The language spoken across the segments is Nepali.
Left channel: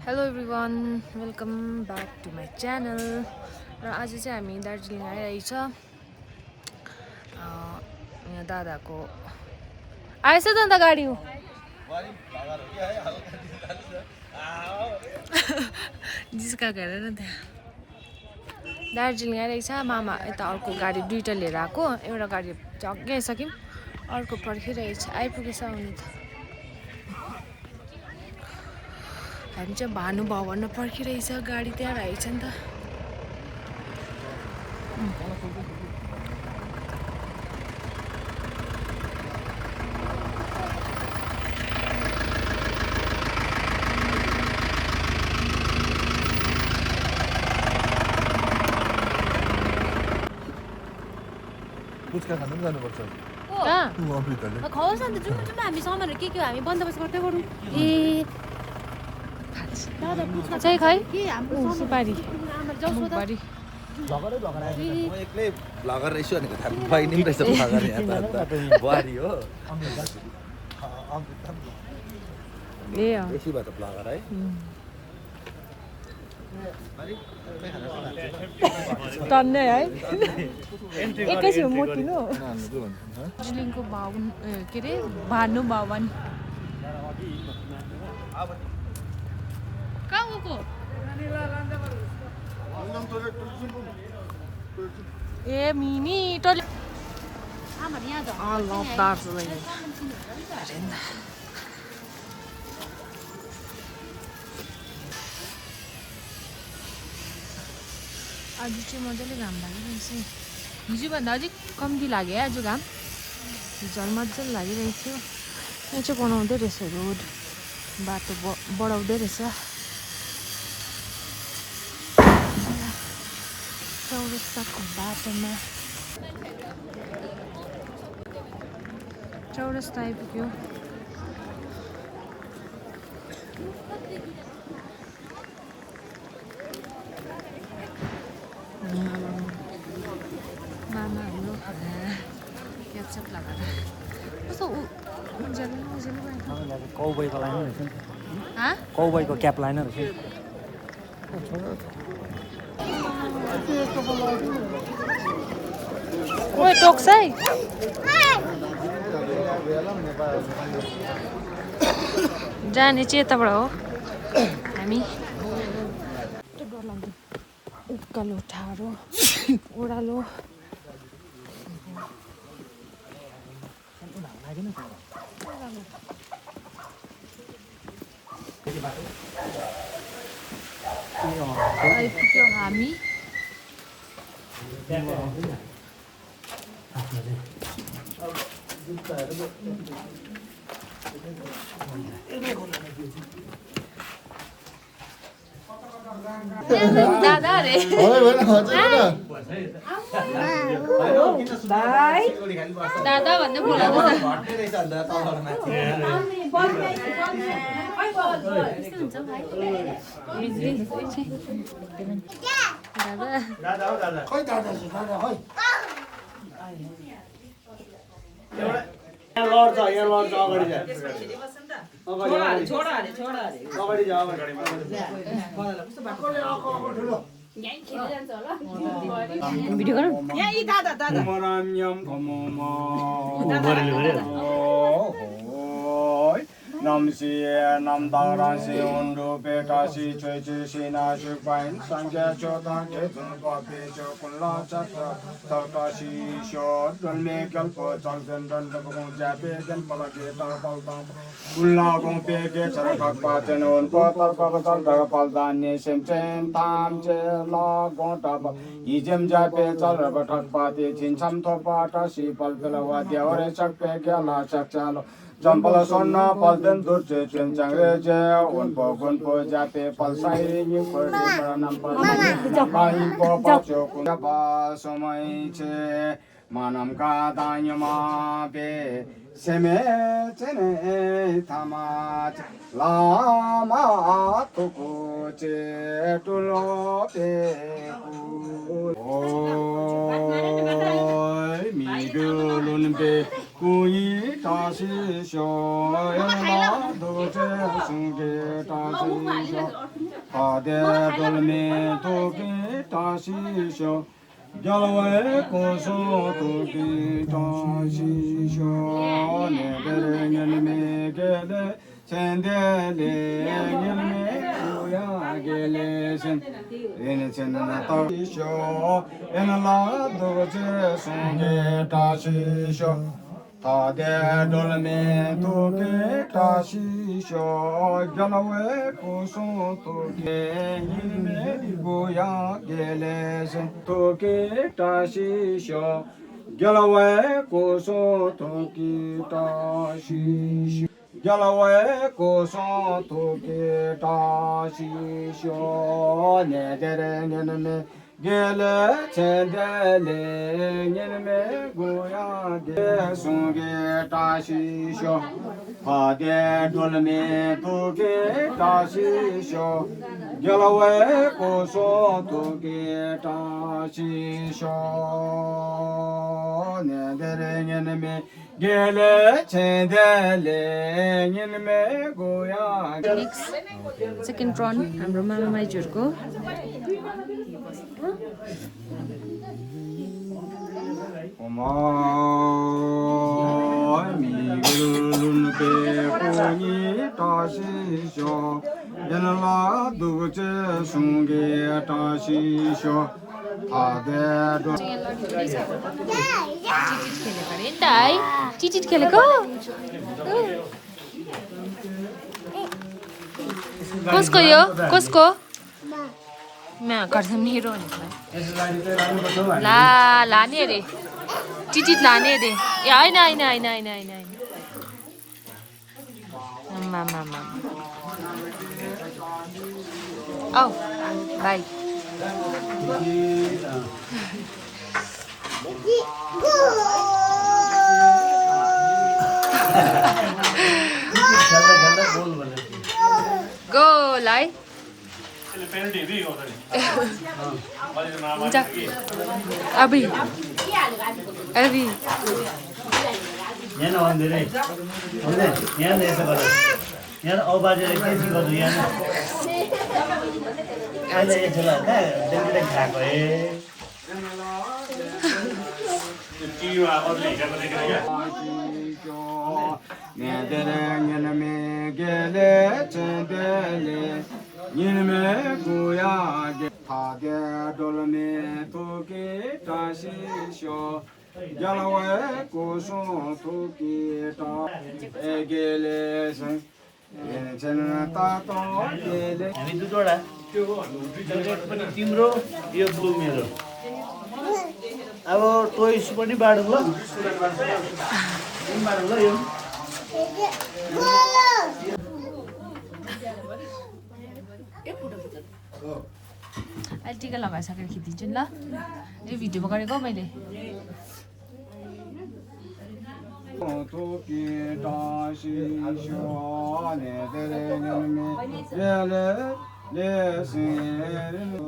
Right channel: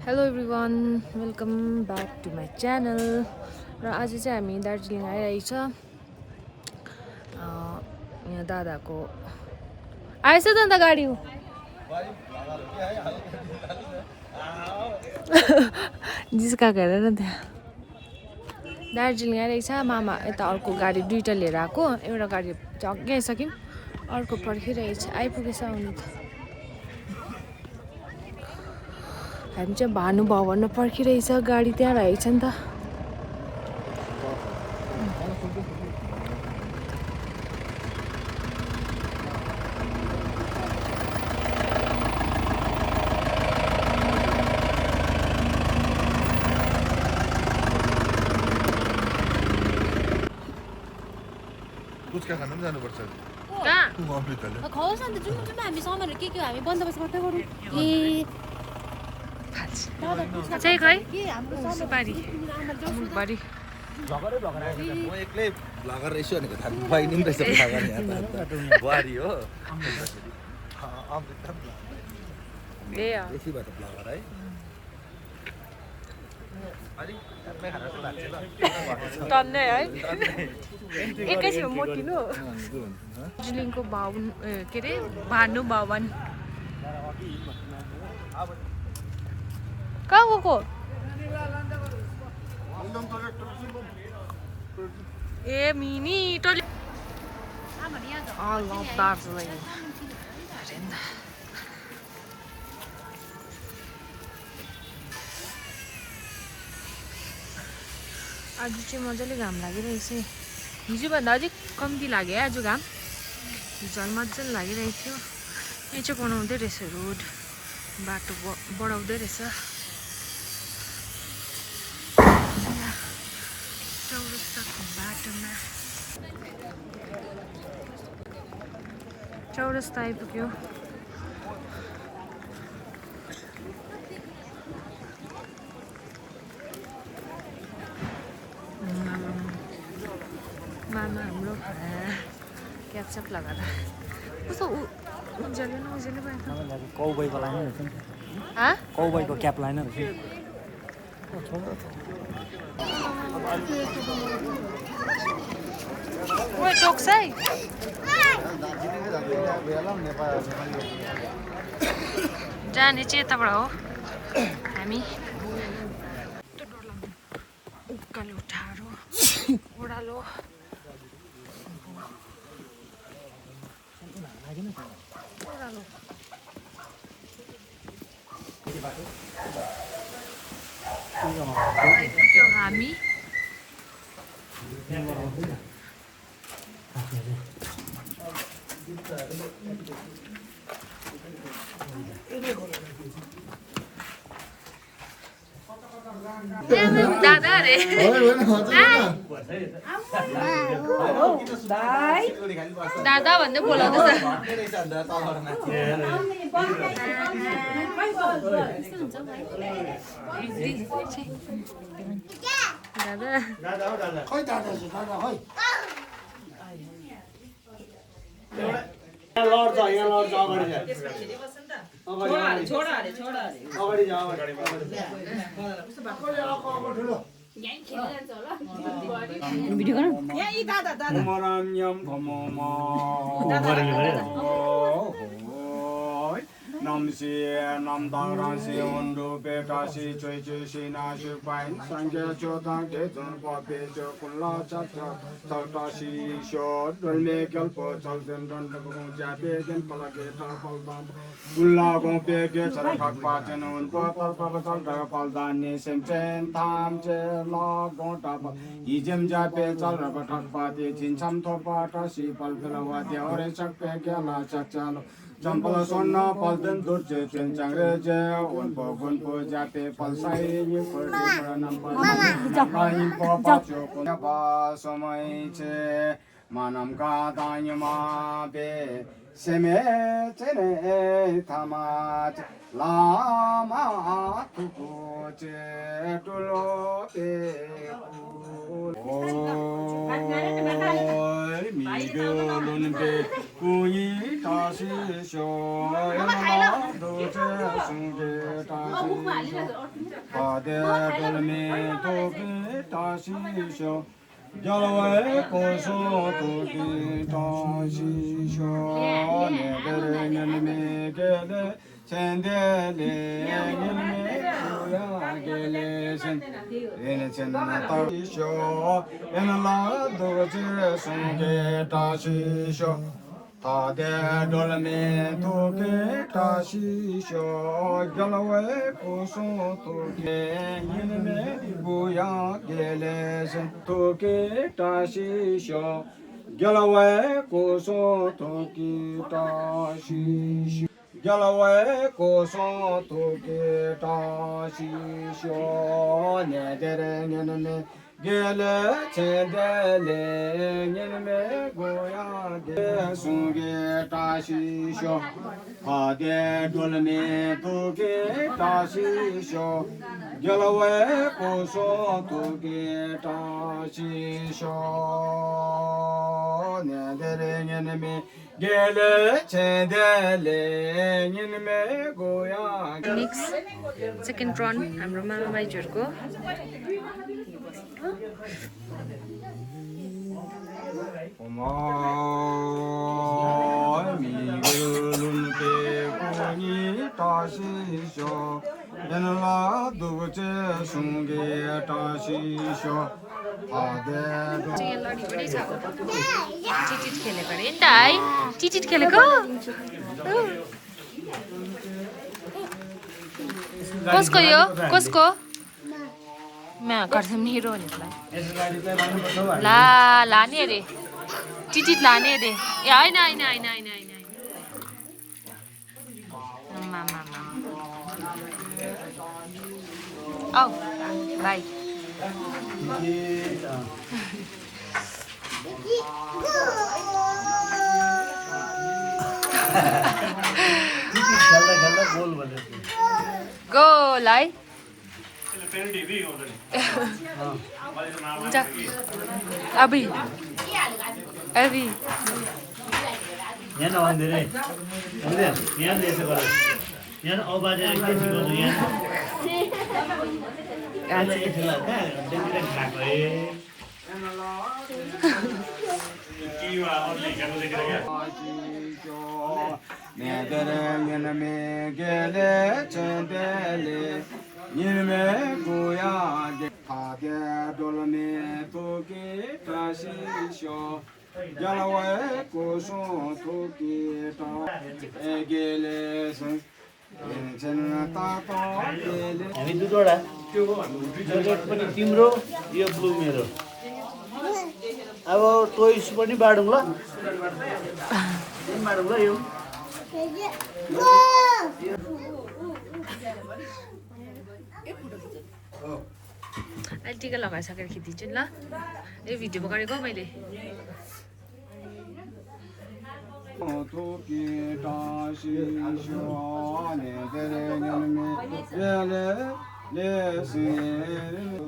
Hello everyone welcome back to my channel र आज चाहिँ हामी दार्जिलिङ आइरहेछ यहाँ दादाको आएछ त अन्त गाडी हो जिस्काएको हेर न त्यहाँ दार्जिलिङ आइरहेछ मामा यता अर्को गाडी दुईवटा लिएर आएको एउटा गाडी अघि आइसक्यौँ अर्को पर्खिरहेछ आइपुगेछ आउनु त हामी चाहिँ भानुभवनमा पर्खिरहेछ गाडी त्यहाँ रहेछ नि त खौस अन्त जुम्म जुम्म हामी सामानहरू के हामी बन्दोबस्त गर्दै गरौँ ए चाहिँ खै के हाम्रो सुपारी मुखबारी एक्लै भ्लगर रहेछु भनेको थाहा बहिनी पनि रहेछ भ्लगर यहाँ त बुहारी हो बेसी भयो त भ्लगर है दार्जिलिङको भवन के अरे भानुभवन कहाँ गएको ए मिमी टोली लभ दार्जिलिङ आज चाहिँ मजाले घाम लागिरहेछ हिजोभन्दा अझै कम्ती लाग्यो है आज घाम हिजो मजाले लागिरहेको थियो यहाँ चाहिँ बनाउँदै रहेछ रोड बाटो बढाउँदै रहेछ चौरस्ताको बाटोमा चौरस्ता आइपुग्यो मामा हाम्रो क्याप्चप लगाएर कस्तो उज्यालो न उज्यालो भयो त कौबोयको लाइन रहेछ नि त हाँ कौबोयको क्याप लाइन रहेछ ओए टोक्छ है जाने चाहिँ यताबाट हो हामी उकालो ठाडो ओह्रालो आइपुग्यो हामी दादा रे दादा भन्दै बोलाउँदैछ लड्छ यहाँ लड्छ अगाडि जा अगाडि जा भिडियो गरौँ Namsi nam darasi undu petasi chui chui sina shupain sangya chotan ketun papi chokulla chakra tarkasi shod dulme kalpo chalten dan bakong jape dan palage tarpal tam ulla gong peke charakak pachen un ko tarpal tal paldan ne semchen tam che la gong tap ijem jape chalraba thak pati chincham thopa tasi palpelawa deore chakpe gyala chakchalo Jampala sonna palden durche chen changre je unpo gunpo jape palsai ni kordi paranam paranam po pacho kunya ba somai che manam ka danyama be seme chene thamat lama tuku che tulo pe oi mi gulun be kui 다시 쇼 연라 도제 송게 다시 쇼 다데 돌미 도비 다시 쇼 결외 고소 도비 다시 쇼 내들은 미게레 젠데레 님메 구야게레신 에네첸나 다시쇼 에나라 도제 송게 다시쇼 다데 돌메 도게 다시쇼 결외 고소 도게 님메 구야게레신 도게 다시쇼 결외 고소 도게 다시쇼 Yalaway koso toke tashi sho nedere nyenme gele chendele nyenme goya de sunge tashi sho hade dolme toke tashi sho Yalaway koso toke tashi sho nedere nyenme gele chendele nyenme goya next second run हाम्रो मामा माइजहरूको 오마이 미글룬 베고니 다시쇼 연라 두제 숭게 다시쇼 아데도 चिचिट खेलेको अरे नि त है चिचिट खेलेको कसको यो कसको मेरो भनेलाई ला लाने अरे चिचिट लाने अरे ए होइन होइन होइन होइन होइन आमा औ भाइ गोल है हुन्छ अभी अभी यहाँ नभन्दिने यहाँ यसो गर यहाँ औबाजेर के सिकाउँछु यहाँ अहिले यसो गर कहाँ डेली खाएको 내들은 이놈의 게레 젠데레 이놈의 구야게 하게 돌메 두기 다시쇼 야라와의 고소 두기 다 에게레선 제는 따또 게레 हामी दुईवटा रेड पनि तिम्रो यो ब्लू मेरो अब टोइस पनि बाडौँ ल बाडौँ ल यो टिका लगाइसकेर खिचिदिन्छु नि ल यो भिडियोमा गरेको मैले 토끼 다시쇼 내들은 예레 레스르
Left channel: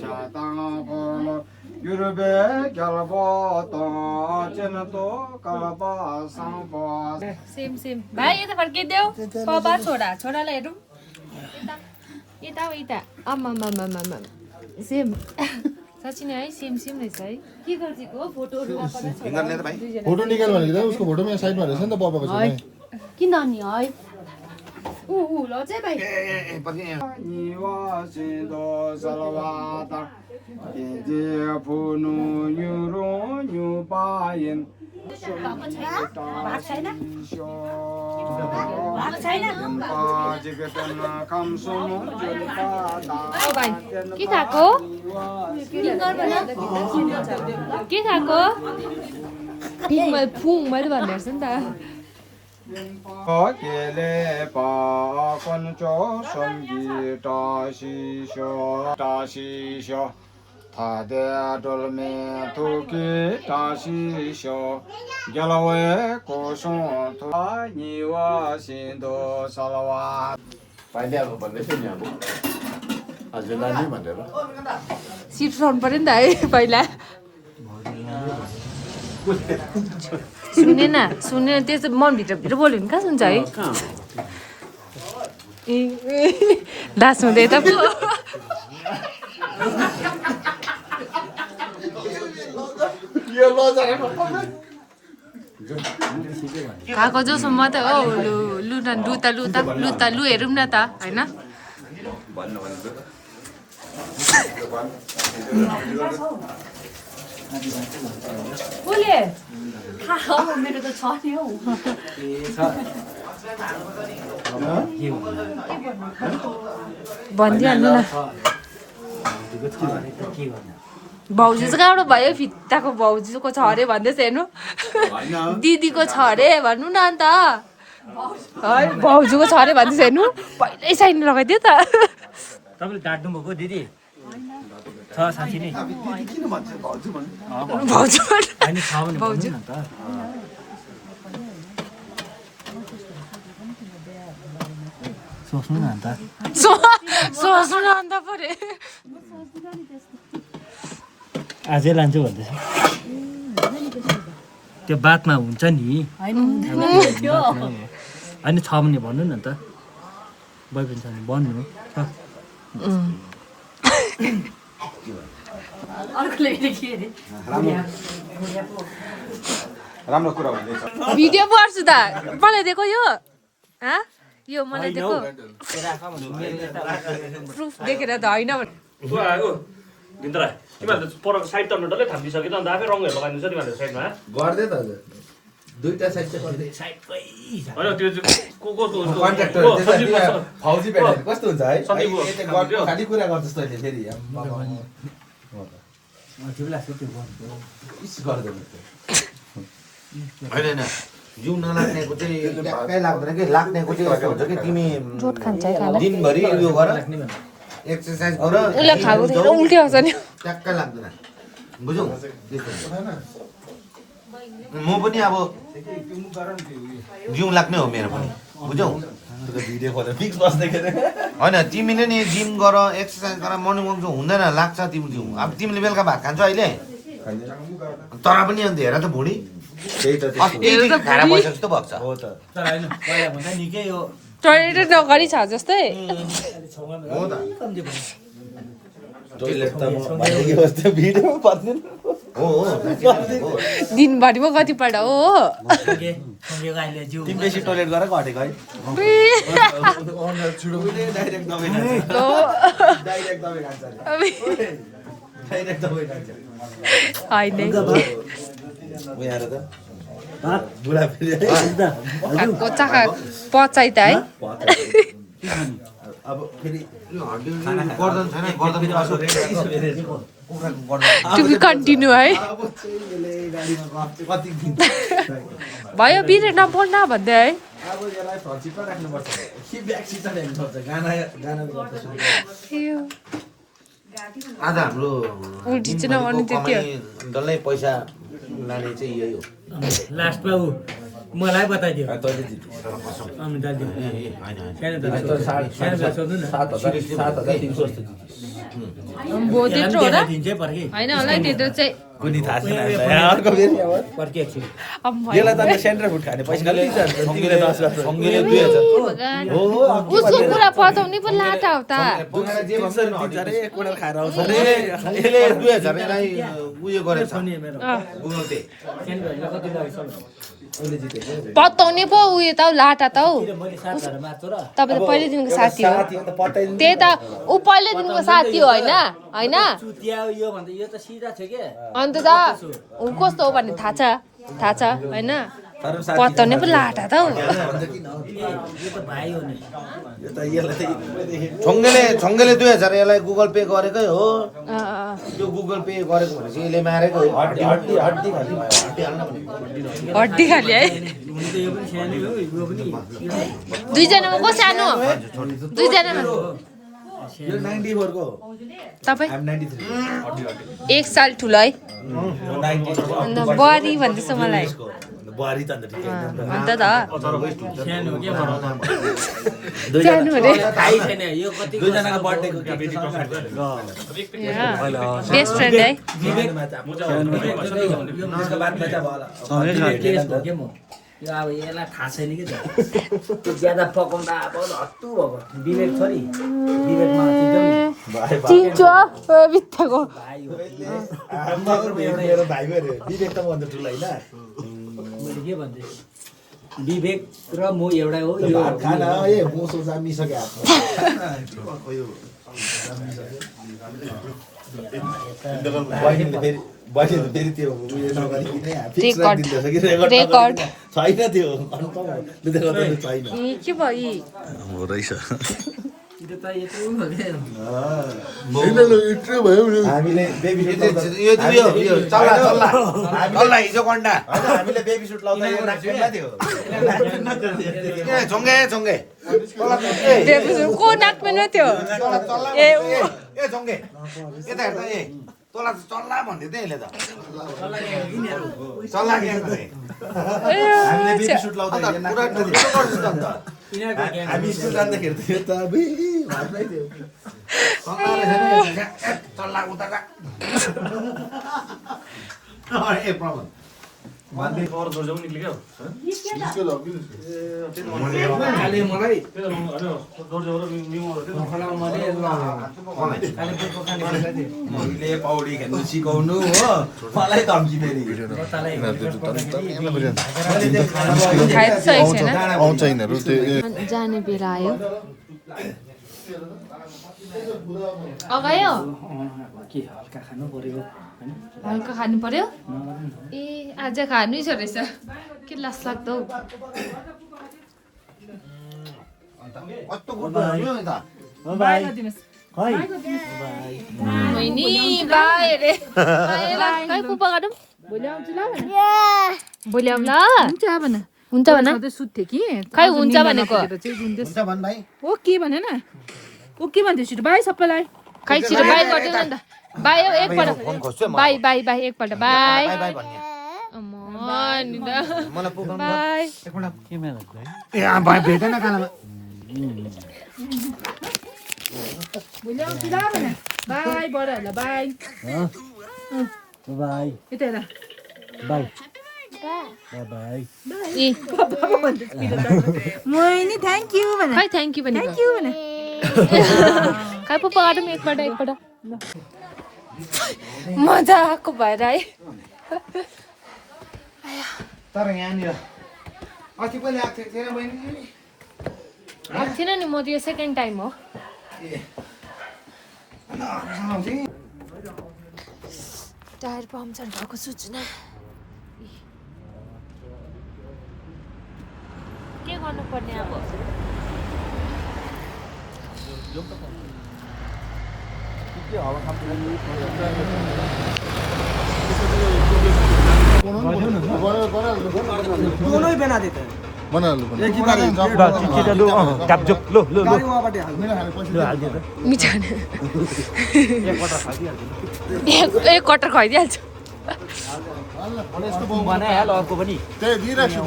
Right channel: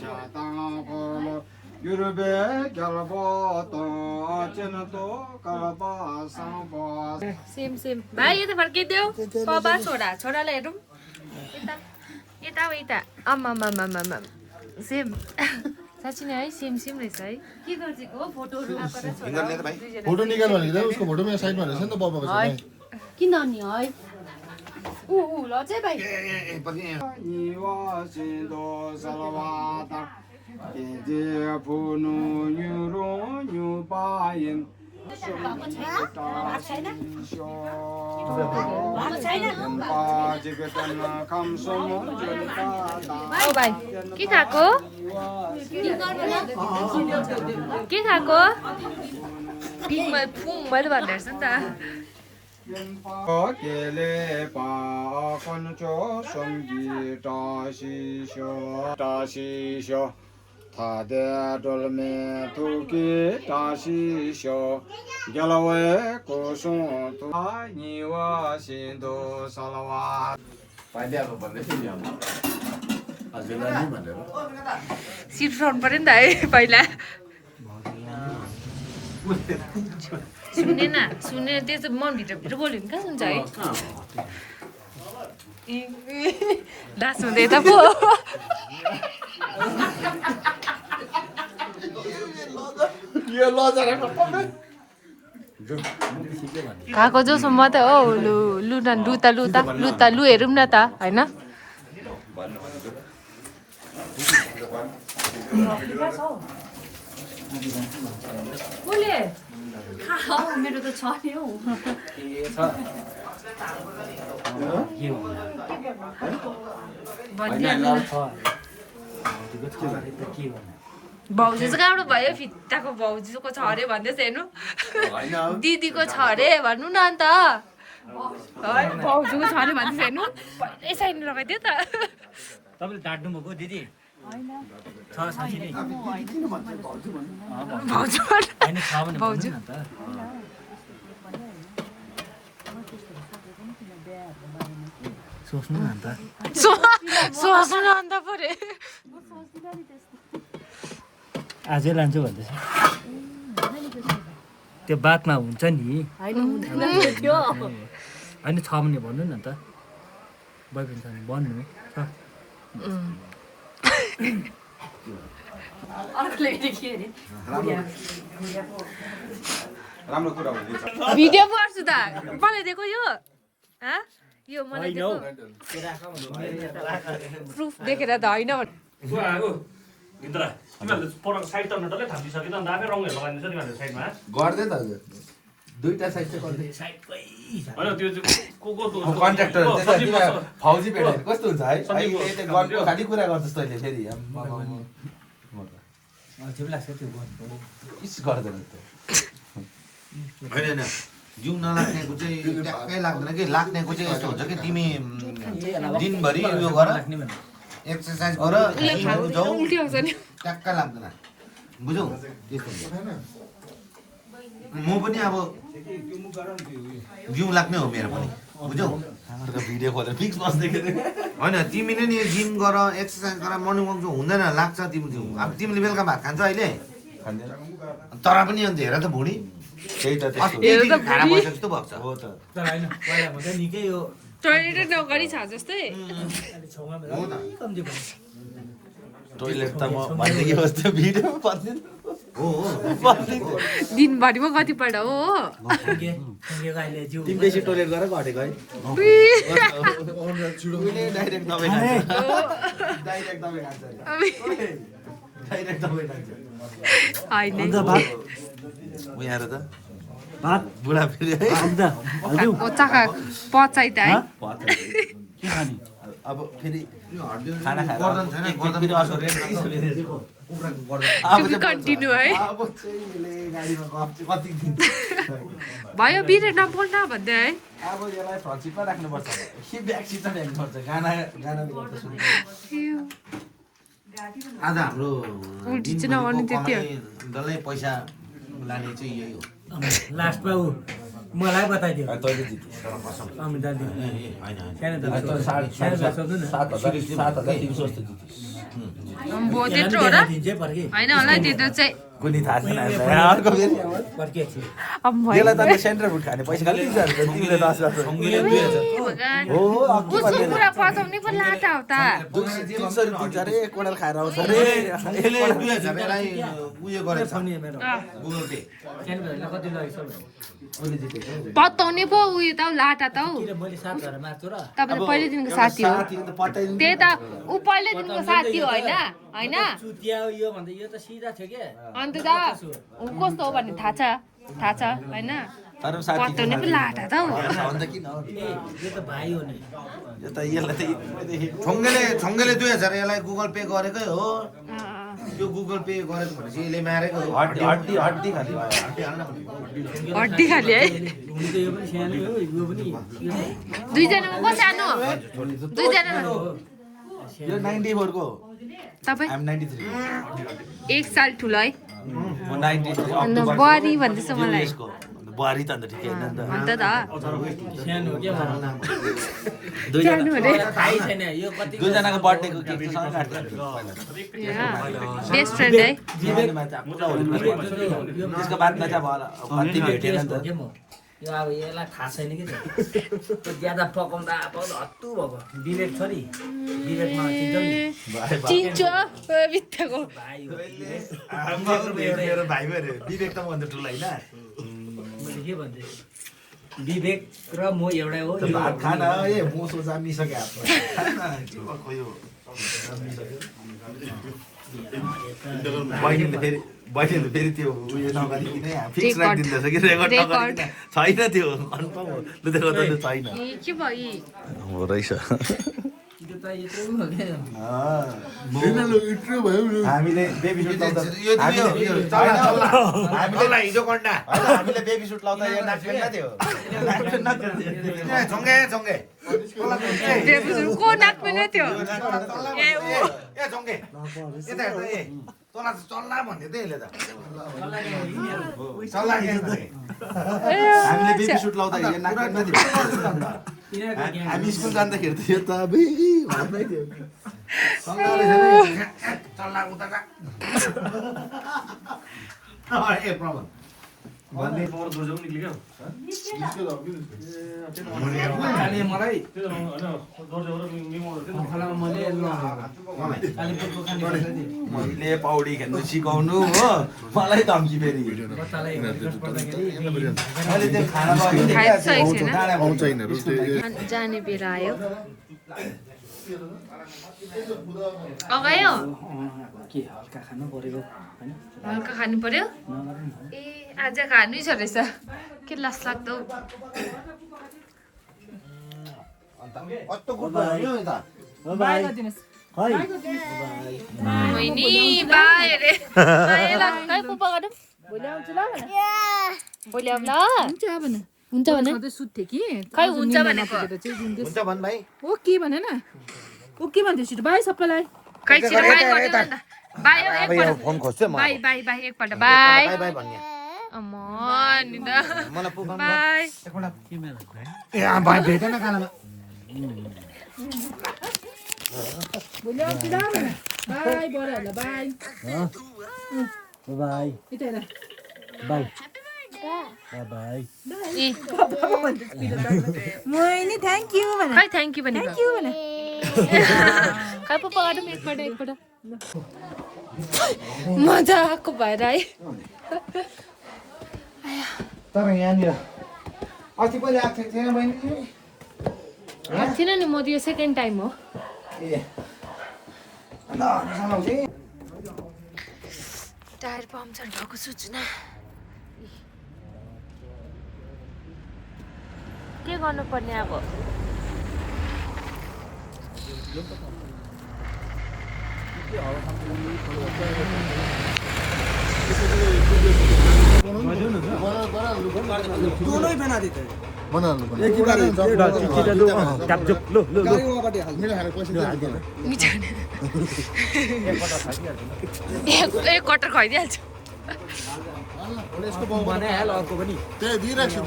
자당고로 유르베 갈바도 제나도 갈바 상바 सेम भाइ यता फर्किदेऊ पपा छोरालाई हेरौँ यता यता आम्मामामामा सेम साँच्ची नै है सेम रहेछ है के गर्छको फोटोहरु फिंगर ले त भाइ फोटो निकाल भनेको त उसको फोटोमा साइडमा रहेछ नि त पापाको चाहिँ किन अनि है उ ल चाहिँ भाइ 니와신도 살와다 이제 부누 유로 유바인 ओ भाइ के खाएको फुङ मैले भन्ने रहेछ नि त 거길에 바건조 섬기 다시쇼 다데 돌메 두기 다시쇼 결외 고송 아니와 신도 살와 पाइदिएको भन्दै थियो नि अब हजुरलाई नै भनेर सिट फ्रन्ट पऱ्यो नि त है पहिला सुने न सुने त्यो चाहिँ मनभित्र बोल्यो भने कहाँ सुन्छ है दास हुँदै त पो खाएको जोसम्म त हो लु लु न लु हेरौँ न त होइन मेरो त छ नि हौ भनिदिइहाल्नु न भाउजू चाहिँ कहाँबाट भयो फित्ताको भाउजूको छ अरे भन्दैछ हेर्नु दिदीको छ अरे भन्नु न अन्त है भाउजूको छ अरे भन्दैछ हेर्नु पहिल्यै साइन लगाइदियो त तपाईँले डाँट्नु भएको दिदी छ साँच्ची नै भाउजू होइन छ भने भाउजू भन्नु न त सोच्नु न अन्त सोच्नु न अन्त परे आजै लान्छु भन्दैछ त्यो बातमा हुन्छ नि होइन छ भने भन्नु न त बोयफ्रेन्ड छ भने भन्नु छ अर्कोले के अरे राम्रो कुरा भन्दैछ भिडियो पर्छु त मलाई दिएको यो यो मलाई दिएको प्रुफ देखेर त होइन दिन्दरा तिमीहरूले परको साइड त डल्लै थापिसक्यो त अन्त आफै रङहरू लगाइदिन्छ नि भनेर साइडमा गर्दै त हजुर दुईटा साइड चाहिँ गर्दै होइन त्यो कन्ट्र्याक्टर फौजी भेट्यो कस्तो हुन्छ है खाली कुरा गर्छस् तैँले फेरि ठिक लाग्छ त्यो गर्दैन होइन जिउ नलाग्नेको चाहिँ ट्याक्कै लाग्दैन कि लाग्नेको चाहिँ यस्तो हुन्छ कि तिमी दिनभरि उयो गर एक्सर्साइज गर उल्टी आउँछ नि ट्याक्कै लाग्दैन बुझ्यौ त्यस्तो हुन्छ म पनि अब जिउ लाग्ने हो मेरो पनि बुझ्यौ भिडियो खोलेर फिक्स बस्दैखेर होइन तिमीले नि जिम गर एक्सर्साइज गर मर्निङ वाक हुँदैन लाग्छ तिम्रो जिउ अब तिमीले बेलुका भात खान्छौ अहिले तर पनि अन्त हेर त भुँडी त्यही त जस्तो भएको छ हो त तर होइन पहिला भन्दा निकै यो टोइलेट नगरी छ जस्तै छेउमा कम्ती भयो टोइलेट त यो जस्तो भिडियो पर्दैन हो दिनभरिमा कतिपल्ट हो अहिले जिउ तिमी बेसी टोइलेट गरेर घटेको है डाइरेक्ट दबाई खान्छ डाइरेक्ट दबाई खान्छ डाइरेक्ट दबाई खान्छ होइन यहाँ त भात बुढा फेरि खाएको चाखा पचाइ त है अब फेरि गर्दन छैन गर्दन टु बी कन्टिन्यू है अब चाहिँ गाडीमा कति दिन भयो बिरे नबोल्न भन्दै है अब यसलाई फ्रन्ट सिटमा राख्नुपर्छ कि ब्याक सिटमा राख्नुपर्छ गाना गर्दा सुन्नु आज हाम्रो उल्टी चाहिँ नगर्नु त्यति हो डल्लै पैसा लाने चाहिँ यही हो लास्टमा ऊ मलाई बताइदियो तैँले जित्यो अमिता दिदी होइन सानो दादा सोध्नु न 7,300 जस्तो जित्यो भयो त्यत्रो हो र दिन्छ पर्खि होइन होला त्यत्रो चाहिँ कुनै थाहा छैन अर्को फेरि अब पर्खि एकछिन अब यसलाई त सेन्टर फुड खाने पैसा खालि दिन्छ तिमीले 10 वर्ष हो उसको कुरा पचाउने पो लाटा हो त 300 दिन्छ अरे एक कोडा खाएर आउँछ अरे यसले 2000 यसलाई उयो गरेछ गुगल पे सानो कति लाग्छ उसले जित्यो पताउने पो उयो त हौ लाटा त हौ मैले 7,000 मार्छु र तपाईँ त पहिल्यैदेखिको साथी हो साथी त पटाइदिन्छ त्यही त ऊ पहिल्यैदेखिको साथी हो होइन होइन चुतिया यो भन्दा यो त सिधा छ के अन्त त ऊ कस्तो हो भन्ने थाहा छ होइन पताउने पो लाटा त हौ अन्त किन यो त भाइ हो नि यो त यसलाई छङ्गेले 2000 यसलाई गुगल पे गरेकै हो यो गुगल पे गरेको भनेपछि यसले मारेको हो हड्डी खालि हड्डी खाली है हुनु त यो पनि सानो हो यो पनि दुईजनामा को सानो दुईजनामा यो 94 को तपाईँ आइ एम 93 एक साल ठुलो है 90 बुहारी भन्दैछ मलाई बुहारी त अन्त ठिकै हुन्छ नि त। अन्त त सानो के भन्नु सानो अरे थाहै छैन यो कति दुईजनाको बर्थडेको केक बेस्ट फ्रेन्ड है त्यसको बादमा चाहिँ अब के म यो अब यसलाई थाहा छैन कि त्यो ज्यादा पकाउँदा अब हत्तु भएको विवेक छ नि विवेकमा चिन्छु बित्थाको भाइ हो मेरो भाइ भयो विवेक त भन्दा ठुलो होइन मैले के भन्थे विवेक र म एउटै हो यो खाना ए मोसो जामिसक्यो बहिनीले फेरि त्यो उयो नगरिकन फिक्स राखिदिँदैछ कि रेकर्ड छैन त्यो कन्फर्म हो लु त्यो गर्दा छैन के भयो हो रहेछ त्यो त यत्रो भयो इट्रो भयो हामीले बेबी यो छैन हामीले हिजो कन्डा हैन हामीले बेबी सुट लाउँदा यो नाच्दैन थियो ए झोंगे को नाच्दैन थियो ए झोंगे यता हेर्दा ए तँलाई त चल्ला भन्दै थियो यसले त चल्ला ग्याङ हामीले बेबी सुट लाउँदा यो नाच्दैन थियो हामी स्कुल जाँदाखेरि त यो त अबे भातमै थियो चल्ला उता जा ए प्रमोद भन्ने पावर जोर जाउँ निक्ल्यो काले मलाई मैले पौडी खेल्नु सिकाउनु हो मलाई धम्की फेरि खाइसकेको छैन आउँछ यिनीहरू त्यो जाने बेला आयो अगायो के हल्का खानु परेको हैन हल्का खानु पर्यो ए आज खानु छ रहेछ के लास लाग्दो कस्तो गुड्यो नि त बाई खै नि बाई रे भोलि आउँ ल हुन्छ भन सुत्थे कि खै हुन्छ भनेको हुन्छ भन् भाइ ओ के भने न ओ के भन्थ्यो छिटो बाई सबैलाई खै छिटो बाई गर्दैन नि त बाई हो एकपल्ट बाई बाई बाई एकपल्ट बाई अम्म नि त बाई ए भाइ भेटेन कालामा भोलि आउँछु ल भने बाई बडाहरूलाई बाई बाई यता हेर बाई बाई ए मोइनी थ्याङ्क यू भने खै थ्याङ्क यू भने थ्याङ्क यू भने खै पो बाटो एकपल्ट मजाको भएर है तर यहाँनिर अस्ति पनि आएको थिएन बहिनी आएको थिएन नि म त यो सेकेन्ड टाइम हो टायर पम्चर भएको सूचना के गर्नुपर्ने अब एक कटर खुवाइदिइहाल्छु त्यही दिइराख्छु